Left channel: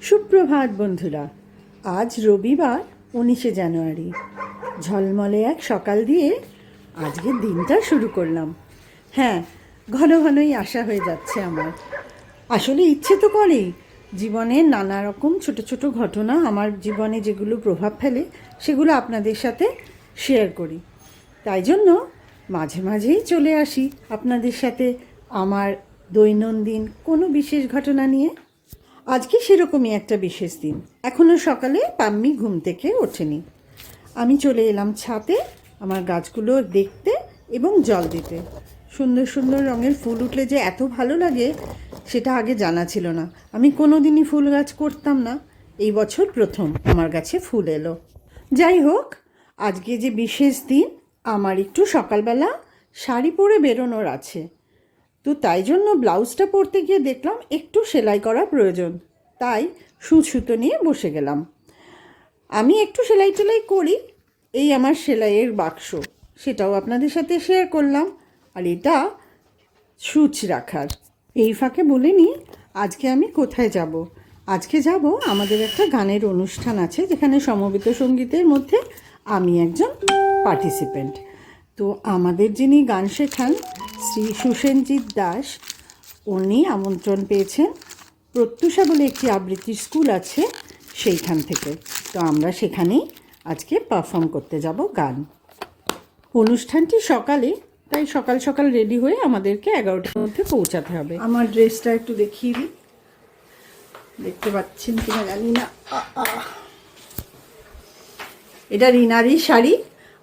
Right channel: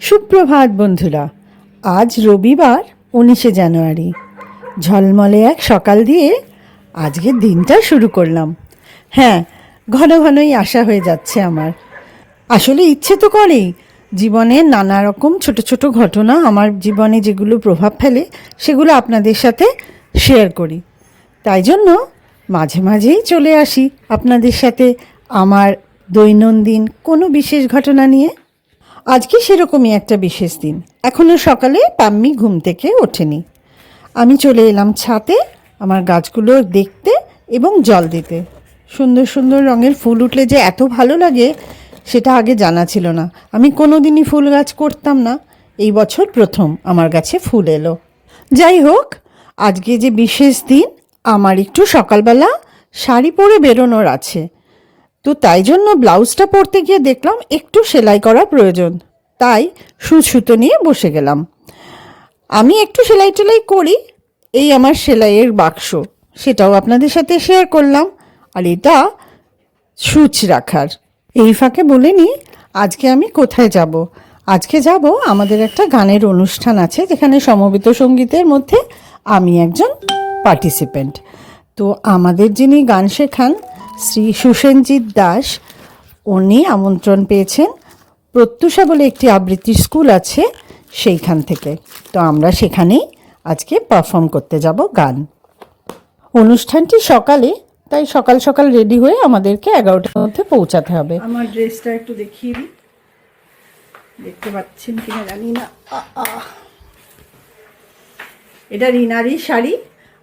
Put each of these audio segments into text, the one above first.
সুপ্রভাত বন্ধুরা, আজ রবিবার উনিশে জানুয়ারি। ঝলমলে এক সকাল দিয়ে আজকের দিনটা শুরু করলাম। হ্যাঁ ঘন ঘনই আশা হয়ে যাচ্ছে আমার। আসলে ইচ্ছে তো করেই, জীবনে নানা রকম ছোট ছোট ঘটনা আমার জীবনে যেগুলো প্রভাব ফেলে, সেগুলো আপনাদের সাথে শেয়ার করি। তাই জন্য মাঝে মাঝেই চলে আসি আপনাদের সাথে আমার দৈনন্দিন কোনো বিশেষ ঘটনা নিয়ে। আজকে সেরকমই একটা বিশেষ দিন। এখনও সকালে পাম্মি ঘুম থেকে ওঠেনি। আমি চলে এলাম ছাতে আমার গাছগুলো দেখতে এবং জল দিতে। সুন্দর সুন্দর রঙের ফুল উঠলে যে এত ভালো লাগে, সেটা আগে জানা ছিল না। আমি কোনো দিনই ফুল গাছ করতাম না। এই বছর প্রথম আমার গাছে ফুল এলো। যাই হোক, আজকে যে বিশেষ দিন, আমার একটু সকালবেলা শাড়ি পরে বেরোনোর আছে। তো তাই জন্য ব্লাউজটা পরতে গিয়ে দেখলাম একটু সেলাই করা প্রয়োজন। তাই সুচ সুতো নিয়ে বসে গেলাম। আমি একটু সেলাই টেলাই করি, এই আমার সেলাইয়ের বাক্স। সেটাও আপনাদের সাথে শেয়ার করলাম। আর এটা সুচ রাখার। এই ফাঁকে বলে নি, আজকে আমি কোথায় যাব? আজকে যাব আমাদের একটা গানের অনুষ্ঠান আছে, যেখানে সমবেত সঙ্গীতের মধ্যে আমি একজন পার্টিসিপেন্ট তো আমাদের যিনি গান শেখান শ্রী সুসেনজিৎ দাস উনি আমন্ত্রণ পেয়েছেন। প্রত্যুষা বলে একটি আবৃত্তির স্কুল আছে সেইখান থেকে। তো আমরা সেখানেই আজকে পারফর্ম করতে যাব গান। অনুষ্ঠানটি সকালে, তাই সকাল সকাল রেডি হয়ে আমাদেরকে এগারোটার মধ্যে পৌঁছাতে হবে। আমার ড্রেসটা একটু দেখিয়ে দিই। দেখতে পাচ্ছেন কিনা জানি না। এটা রিনাদির শাড়ি।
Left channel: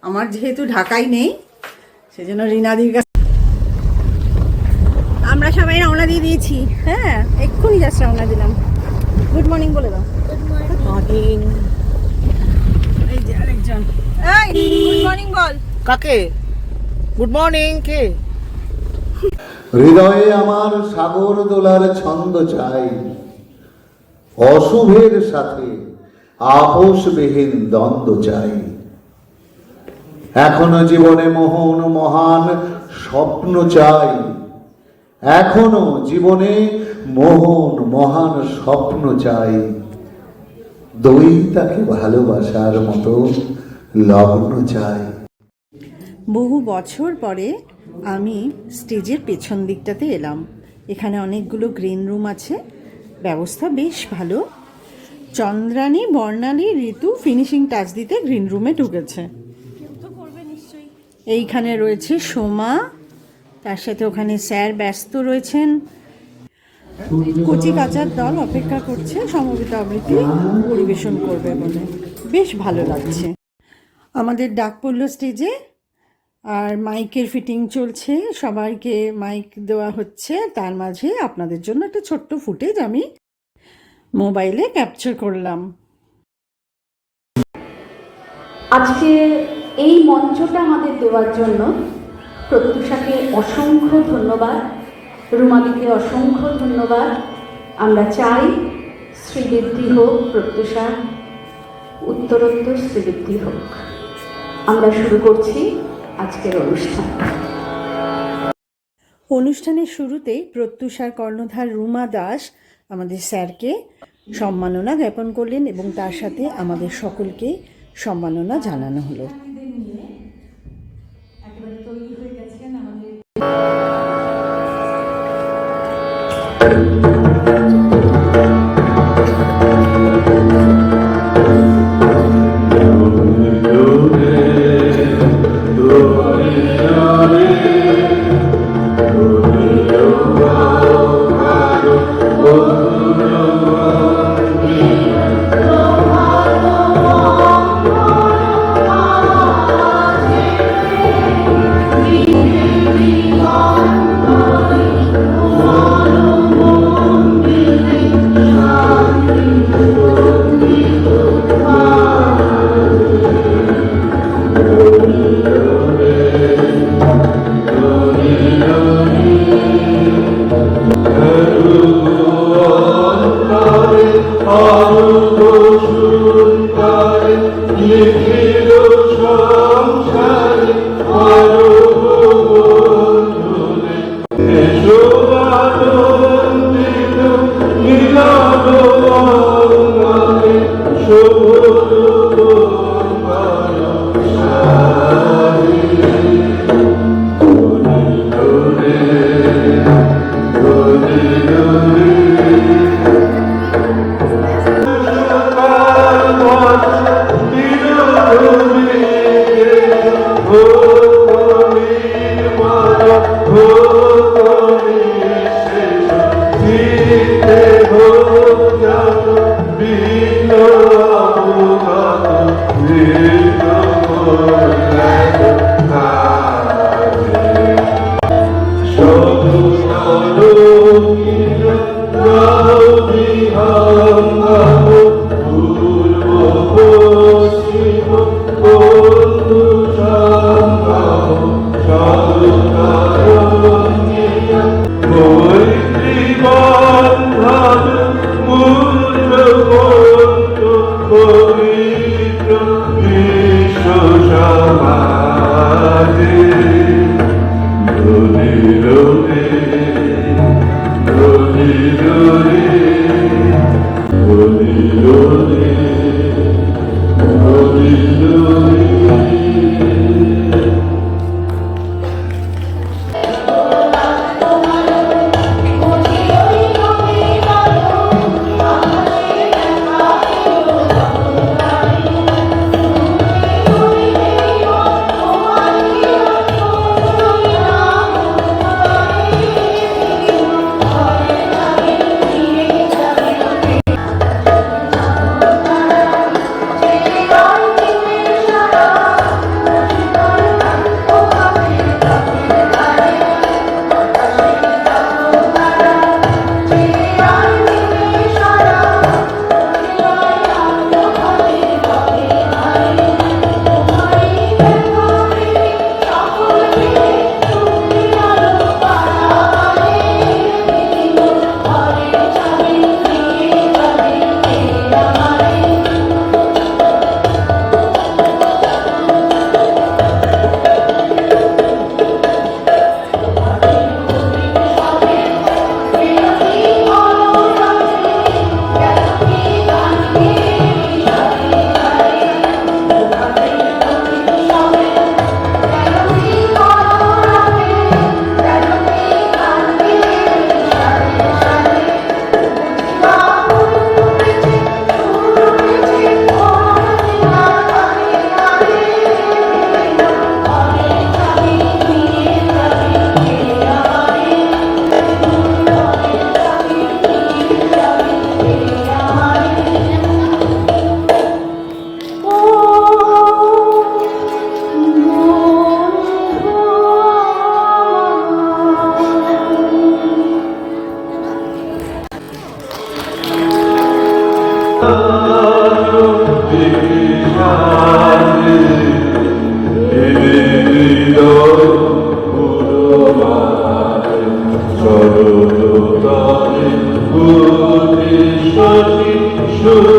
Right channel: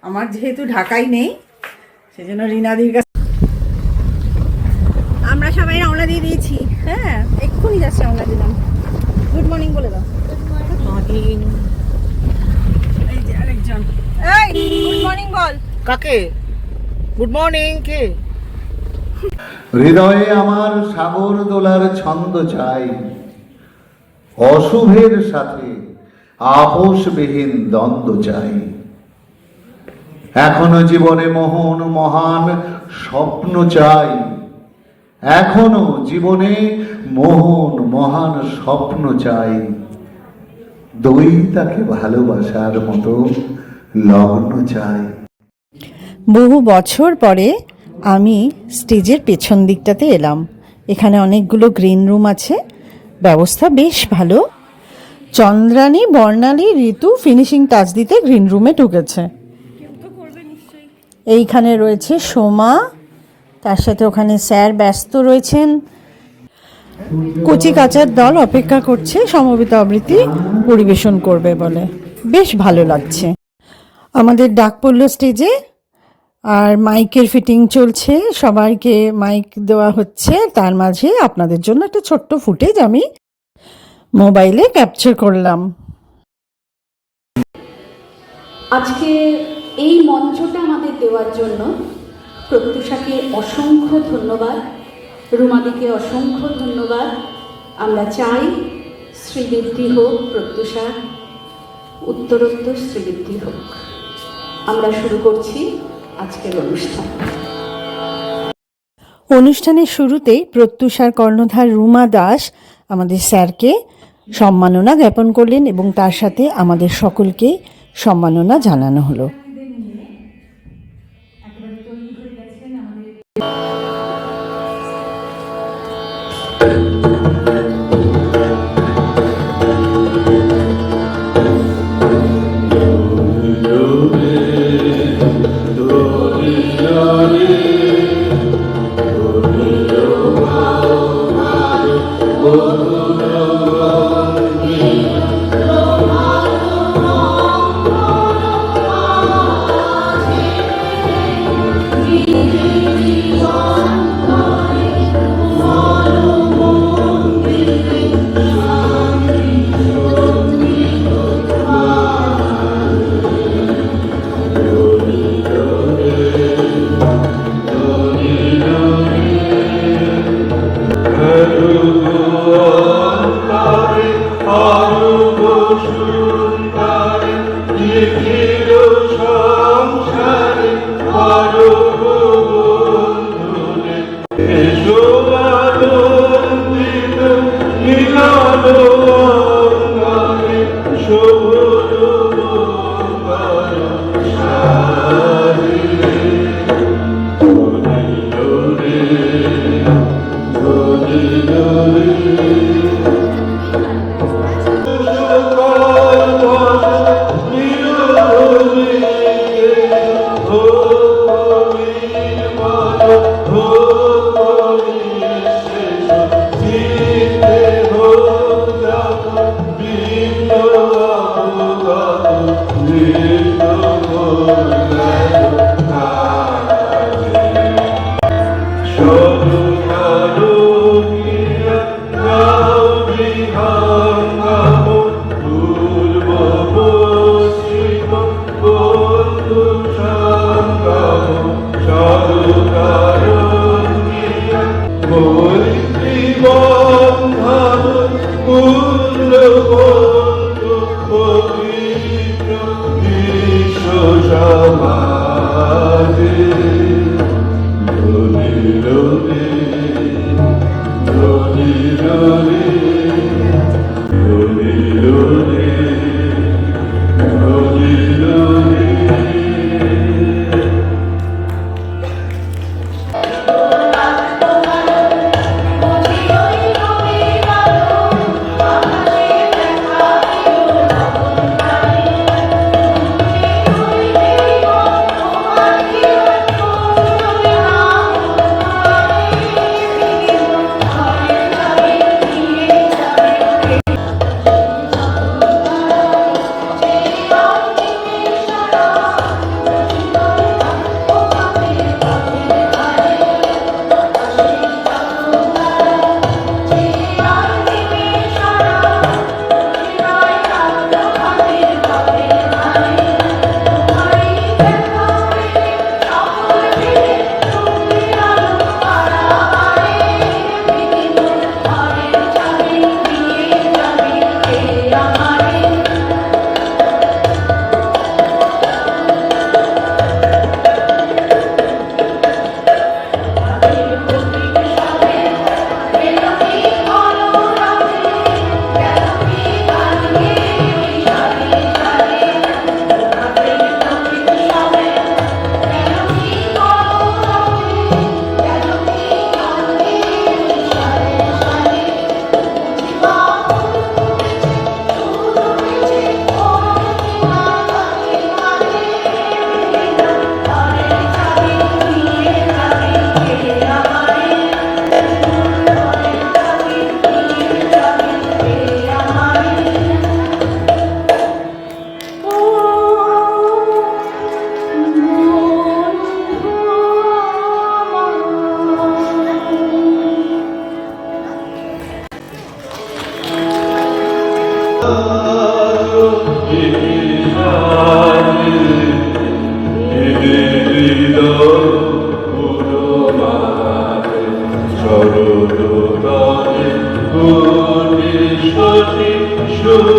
আমার যেহেতু ঢাকাই নেই, সেজন্য রিনাদির কাছে আমরা সবাই রওনা দিয়ে দিয়েছি। হ্যাঁ এক্ষুনি জাস্ট রওনা দিলাম। গুড মর্নিং বলে দাও। গুড মর্নিং এই যে আরেকজন। এই গুড মর্নিং বল। কাকে? গুড মর্নিং কে? হৃদয়ে আমার সাগর দোলার ছন্দ চাই। অশুভের সাথে আপোষবিহীন দ্বন্দ্ব চাই। এখনও জীবনে মোহন মহান স্বপ্ন চাই। এখনও জীবনে মোহন মহান স্বপ্ন চাই। দই তাকে ভালোবাসার মতো লগ্ন চাই। বহু বছর পরে আমি স্টেজের পেছন দিকটাতে এলাম। এখানে অনেকগুলো গ্রিন রুম আছে। ব্যবস্থা বেশ ভালো। চন্দ্রানী বর্ণালী ঋতু ফিনিশিং টাচ দিতে গ্রিন রুমে ঢুকেছে। এইখানে রয়েছে সোমা তার সাথে ওখানে স্যার ব্যস্ত রয়েছেন। কচি কাচার দল অপেক্ষা করছে, সমবেত আবৃত্তি পরিবেশন করবে বলে। বেশ ভালো লাগছে। আমাদের ডাক পড়ল স্টেজে, আর মাইকের ফিটিং চলছে। সবাইকে মাইক দেওয়া হচ্ছে। তার মাঝে আপনাদের জন্য একটা ছোট্ট ফুটেজ আমি মোবাইলে ক্যাপচার করলাম। আজকে এই মঞ্চটা আমাদের দেওয়ার জন্য প্রত্যুষাকে অসংখ্য ধন্যবাদ। রুমাদিকে অসংখ্য ধন্যবাদ। আমরা চাই শ্রীবৃদ্ধি হোক প্রত্যুষা উত্তরোত্তর শ্রীবৃদ্ধি হোক। আমরা শুরু করছি আজকের অনুষ্ঠান। অনুষ্ঠানের শুরুতেই প্রত্যুষার কর্ণধার রুমা দাস আমাদের স্যারকে সম্মাননা জ্ঞাপন করলেন এবং তার সাথে আমাদের সকলকে সম্মাননা জানানো হলো। Amen. do. Jesus.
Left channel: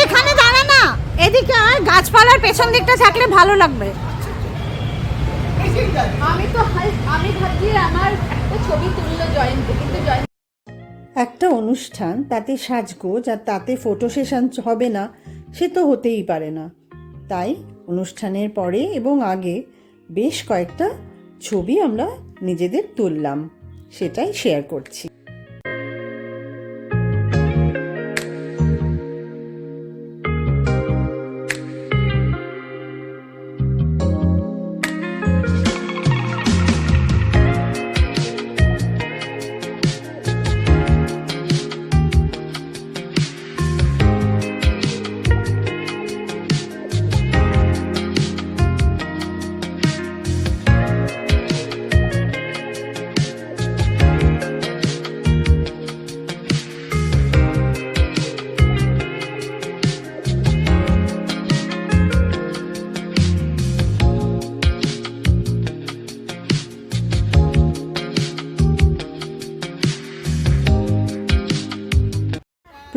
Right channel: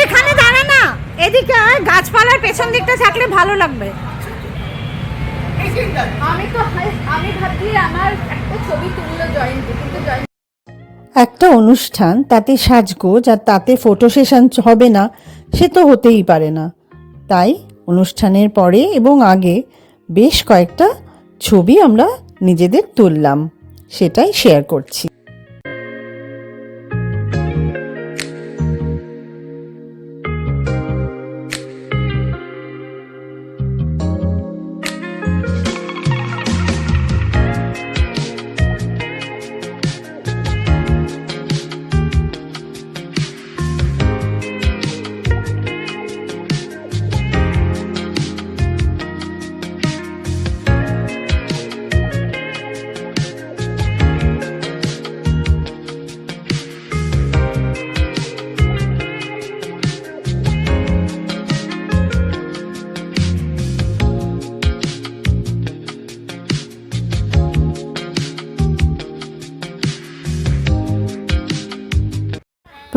এদিকে গাছপালার পেছন দিকটা থাকলে ভালো লাগবে। আমি তো আমি ভাবছি আমার একটা ছবি তুললো জয়ন্তী কিন্তু একটা অনুষ্ঠান তাতে সাজগোজ আর তাতে ফটো সেশন হবে না সে তো হতেই পারে না। তাই অনুষ্ঠানের পরে এবং আগে বেশ কয়েকটা ছবি আমরা নিজেদের তুললাম সেটাই শেয়ার করছি।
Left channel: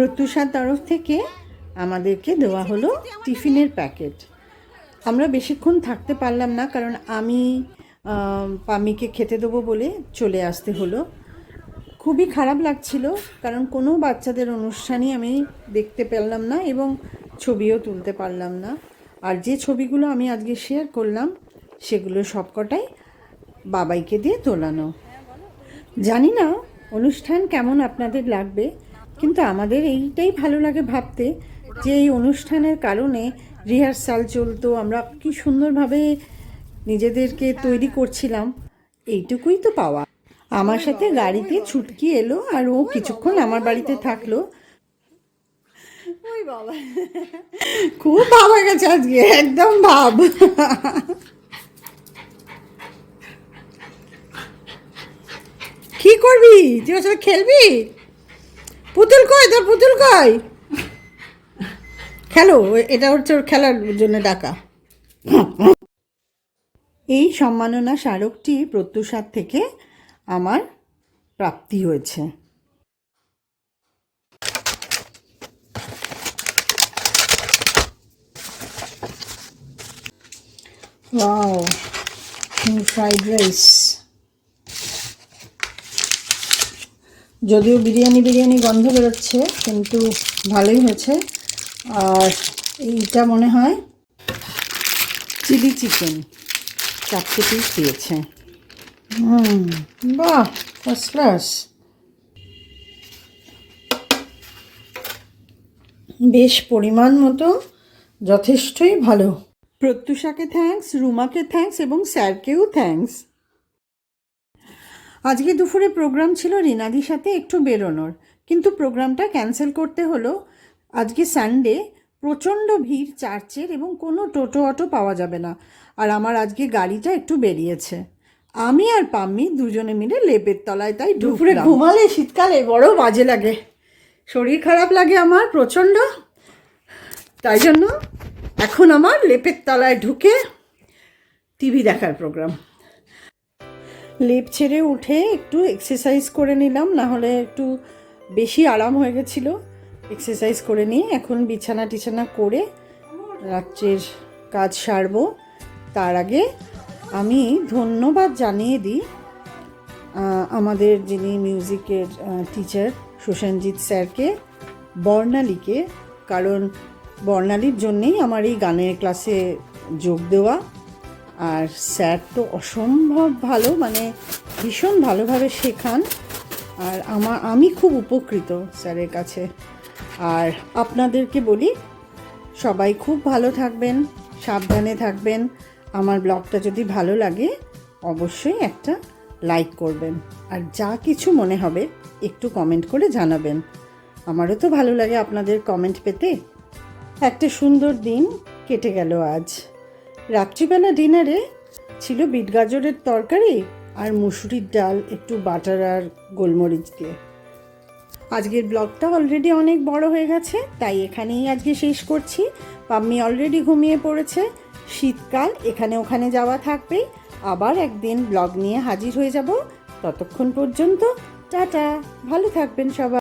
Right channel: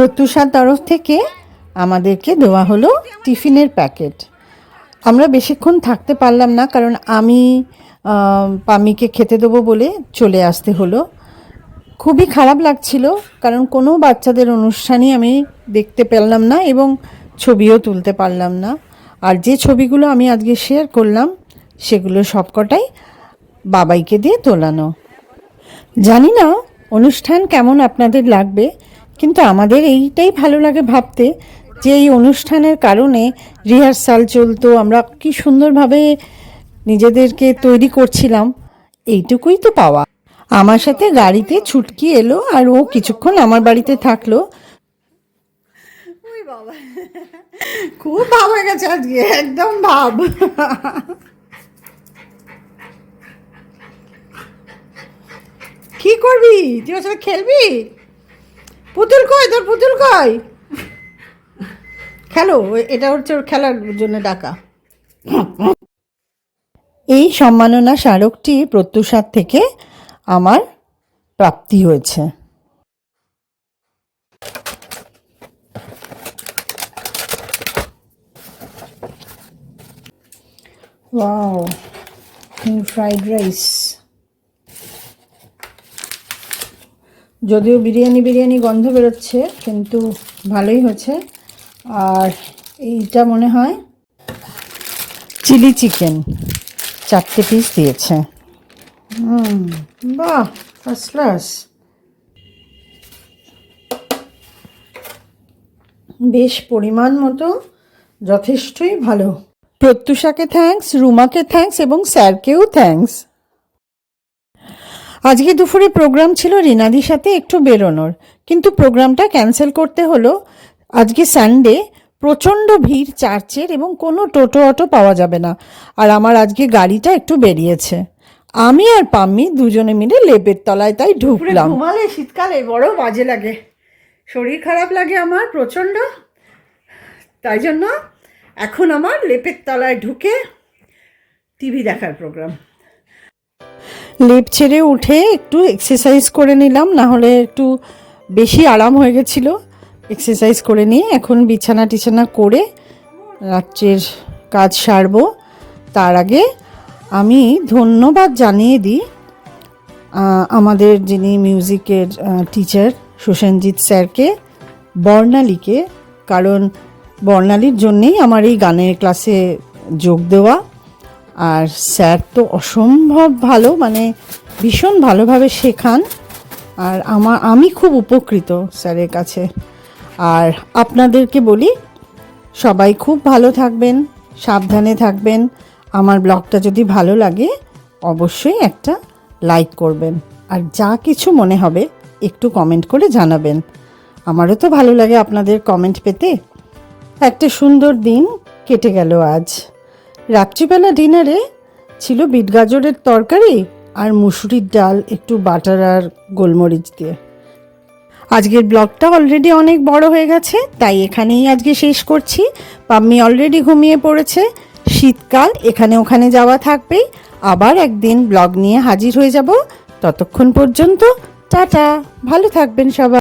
প্রত্যুষার তরফ থেকে আমাদেরকে দেওয়া হলো টিফিনের প্যাকেট। আমরা বেশিক্ষণ থাকতে পারলাম না, কারণ আমি পামিকে খেতে দেবো বলে চলে আসতে হলো। খুবই খারাপ লাগছিল, কারণ কোনো বাচ্চাদের অনুষ্ঠানই আমি দেখতে পেলাম না এবং ছবিও তুলতে পারলাম না। আর যে ছবিগুলো আমি আজকে শেয়ার করলাম, সেগুলো সবকটাই বাবাইকে দিয়ে তোলানো। জানি না অনুষ্ঠান কেমন আপনাদের লাগবে কিন্তু আমাদের এইটাই ভালো লাগে ভাবতে যে এই অনুষ্ঠানের কারণে রিহার্সাল চলতো আমরা কি সুন্দরভাবে নিজেদেরকে তৈরি করছিলাম এইটুকুই তো পাওয়া। আমার সাথে গাড়িতে ছুটকি এলো আর ও কিছুক্ষণ আমার বাড়িতে থাকল। খুব ভাব গেছে আজকে একদম ভাব। কি করবি? তুই ওর সাথে খেলবি? পুতুল কয় তোর পুতুল কয় খেলো এটা হচ্ছে ওর খেলার জন্য ডাকা। এই সম্মাননা স্মারকটি প্রত্যুষার থেকে আমার প্রাপ্তি হয়েছে। ফ্রাইড রাইস যদিও বিরিয়ানি বিরিয়ানি গন্ধ বেরোচ্ছে, কিন্তু ভালোই হয়েছে। আর এইটা মনে হয় চিলি চিকেন, চারটে পিস দিয়েছে। হুম, বাহ ফার্স্ট ক্লাস বেশ পরিমাণ মতো, যথেষ্টই ভালো। প্রত্যুষাকে থ্যাঙ্কস রুমাকে থ্যাঙ্কস এবং স্যারকেও থ্যাঙ্কস আজকে দুপুরে প্রোগ্রাম ছিল রিনাদির সাথে একটু বেরোনোর। কিন্তু প্রোগ্রামটা ক্যান্সেল করতে হলো। আজকে সানডে প্রচণ্ড ভিড় চার্চের এবং কোনো টোটো অটো পাওয়া যাবে না। আর আমার আজকে গাড়িটা একটু বেরিয়েছে। আমি আর পাম্মি দুজনে মিলে লেপের তলায় তাই ঢুকলাম। ঘুমালে শীতকালে বড় বাজে লাগে। শরীর খারাপ লাগে আমার প্রচণ্ড। তাই জন্য এখন আমার লেপের তলায় ঢুকে টিভি দেখার প্রোগ্রাম। লেপ ছেড়ে উঠে একটু এক্সারসাইজ করে নিলাম না হলে একটু বেশি আরাম হয়ে গেছিল। এক্সারসাইজ করে নিয়ে এখন বিছানা টিছানা করে রাত্রের কাজ সারবো। তার আগে আমি ধন্যবাদ জানিয়ে দিই আমাদের যিনি মিউজিকের টিচার সুসেনজিৎ স্যারকে, বর্ণালীকে। কারণ বর্ণালীর জন্যেই আমার এই গানের ক্লাসে যোগ দেওয়া। আর স্যার তো অসম্ভব ভালো মানে ভীষণ ভালোভাবে শেখান। আর আমার, আমি খুব উপকৃত স্যারের কাছে। আর আপনাদেরকে বলি, সবাই খুব ভালো থাকবেন, সাবধানে থাকবেন। আমার ব্লগটা যদি ভালো লাগে, অবশ্যই একটা লাইক করবেন। আর যা কিছু মনে হবে, একটু কমেন্ট করে জানাবেন। আমারও তো ভালো লাগে আপনাদের কমেন্ট পেতে। একটা সুন্দর দিন কেটে গেল আজ। রাত্রিবেলা ডিনারে ছিল বিট গাজরের তরকারি আর মুসুরির ডাল, একটু বাটার আর গোলমরিচ দিয়ে। আজকের ব্লগটা অলরেডি অনেক বড় হয়ে গেছে, তাই এখানেই আজকে শেষ করছি। পাম্মি অলরেডি ঘুমিয়ে পড়েছে। শীতকাল, এখানে ওখানে যাওয়া থাকবেই। আবার একদিন ব্লগ নিয়ে হাজির হয়ে যাব। ততক্ষণ পর্যন্ত, টাটা। ভালো থাকবেন সবাই।